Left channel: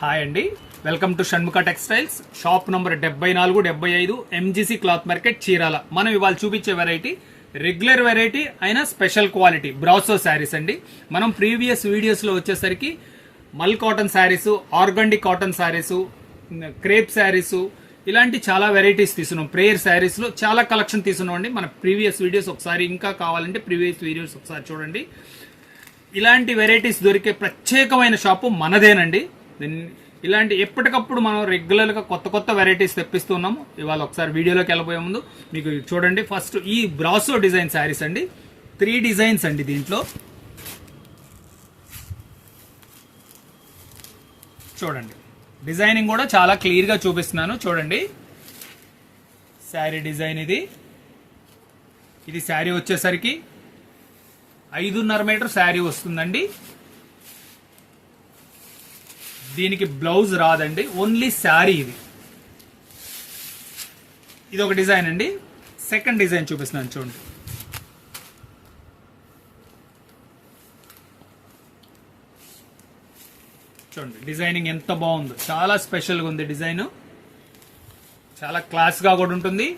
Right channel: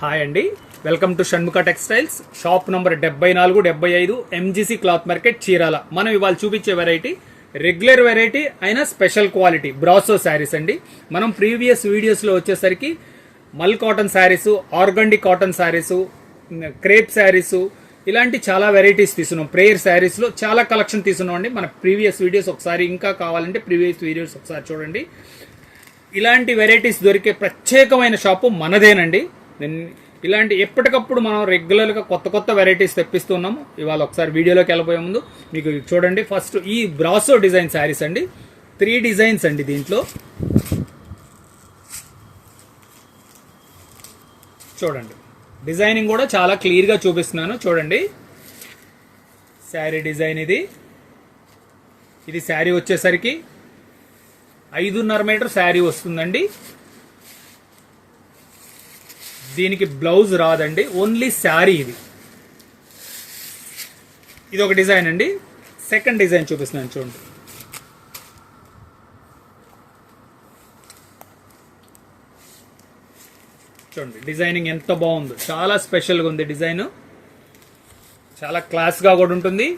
Hi అండి, welcome to Shanmukha textiles. Shop number 74-75 MGC cloth market, Chirala. మనం ఇవాళ చూపించే వెరైటీ రెగ్యులర్ వెరైటీ అయినా స్పెషల్ క్వాలిటీ బ్రాసో శారీస్ అండి. మనం ప్రీవియస్ వీడియోస్ లో వచ్చేసరికి మల్ cotton saris, organdie cotton saris, crepe saris ఇలాంటి చాలా వెరైటీస్ తీసుకున్నాం. ప్రేయర్ శారీస్ లో చాలా కలెక్షన్ తీసుకున్నాం అండి. మన ప్రీవియస్ వీడియోస్ ఒకసారి ఇంకా కావాలంటే ప్రీవియస్ వీడియోస్ ఒకసారి చూడండి. ఇలాంటి వెరైటీస్ దొరికే ప్రత్యేకమైన షాపు మనదేనండి. ఇలాంటి ఎప్పటికప్పుడు మనం రెగ్యులర్ గా కొత్త కొత్త వెరైటీస్ తెప్పిస్తున్నాము. ఇవాళ ఒకసారి వీడియోలోకి వెళ్ళబోయే ముందు మీకు చూడండి. ఫస్ట్ ఈ బ్రాసో డిజైన్ శారీస్ అండి. 3 డిజైన్స్ అండి. దీంట్లో చూడండి, డిజైనింగ్ కూడా చాలా క్లియర్ గా చూపిస్తున్నాను. చూడండి, శారీ డిజైన్ ఇది శారీ వచ్చేసరికి 5.5 మీటర్ శారీ వస్తుందండి. దీనికి బ్లౌజ్ రాదండి, ఓన్లీ శారీ. ఇది ఒక డిజైన్ అండి. సెకండ్ డిజైన్ చూపిస్తున్నాను చూడండి. చూడండి డిజైనింగ్ ఎంత బాగుందో, చాలా స్పెషల్ గా ఉంది డిజైన్. చాలా క్లాస్ గా కూడా ఉంటుంది.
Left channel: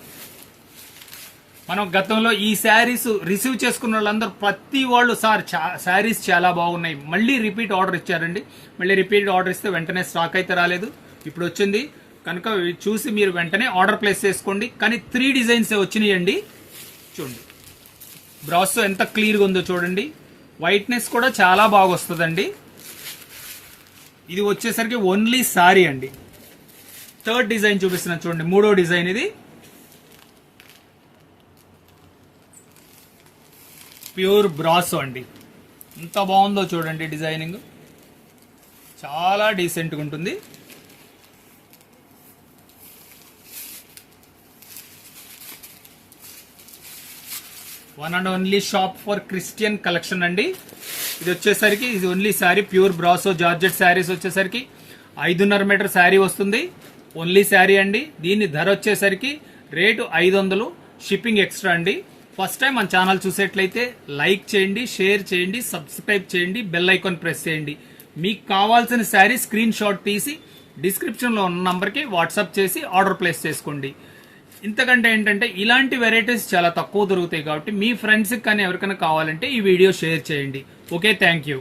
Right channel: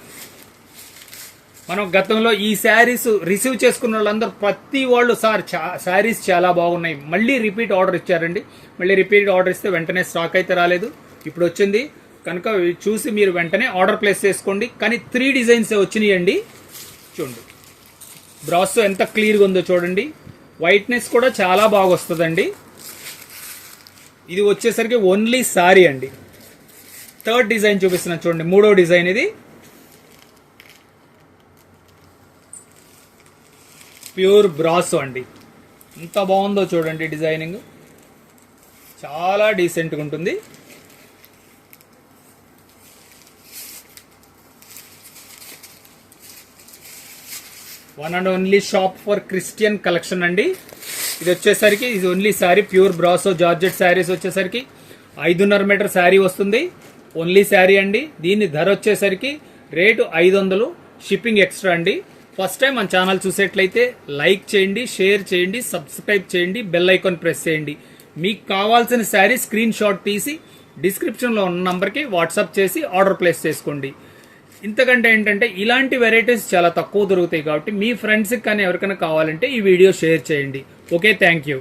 మనం గతంలో ఈ శారీస్ రిసీవ్ చేసుకున్న వాళ్ళందరూ ప్రతి వాళ్ళు సార్ శారీస్ చాలా బాగున్నాయి, మళ్ళీ రిపీట్ ఆర్డర్ ఇచ్చారండి. మళ్ళీ రిపీట్ ఆర్డర్ ఇస్తే వెంటనే స్టాక్ అయితే రాలేదు, ఇప్పుడు వచ్చింది కనుక చూసి మీరు వెంటనే ఆర్డర్ ప్లేస్ చేసుకోండి. కానీ 3 డిజైన్స్ వచ్చినాయండి. చూడండి బ్రాసో ఎంత క్లియర్గా ఉందో చూడండి. వైట్నెస్ కూడా చాలా బాగా వస్తుందండి. ఇది వచ్చేసరికి ఓన్లీ శారీ అండి. థర్డ్ డిజైన్ చూపిస్తున్నా చూడండి, 3వ డిజైన్. ఇది ప్యూర్ బ్రాసో అండి. ఎంత బాగుందో చూడండి. డిజైనింగ్ చాలా డీసెంట్ గా ఉంటుంది. One and only shop for Christian collection అండి. ఇది వచ్చేసరికి ఇది only sari, pure brasso georgette saris వచ్చేసరికి 5.5 మీటర్ శారీ వస్తుంది. ఓన్లీ శారీ అండి. దీని ధర వచ్చేసరికి రేటు 500, షిప్పింగ్ ఎక్స్ట్రా అండి. ఫస్ట్ టైం మన ఛానల్ చూసేట్లయితే లైక్ చేయండి, షేర్ చేయండి, సబ్స్క్రైబ్ చేయండి, బెల్ ఐకాన్ ప్రెస్ చేయండి. మీకు కావాల్సిన శారీ స్క్రీన్ షాట్ తీసి డిస్క్రిప్షన్ లో ఉన్న నంబర్ కి వాట్సాప్ చేసి ఆర్డర్ ప్లేస్ చేసుకోండి. ఇంతకంటే ఏంటంటే ఇలాంటి వెరైటీస్ చాలా తక్కువ దొరుకుతాయి కాబట్టి మీ ఫ్రెండ్స్ కి కానీ ఎవరికైనా కావాలంటే ఈ వీడియో షేర్ చేయండి. Okay, thank you.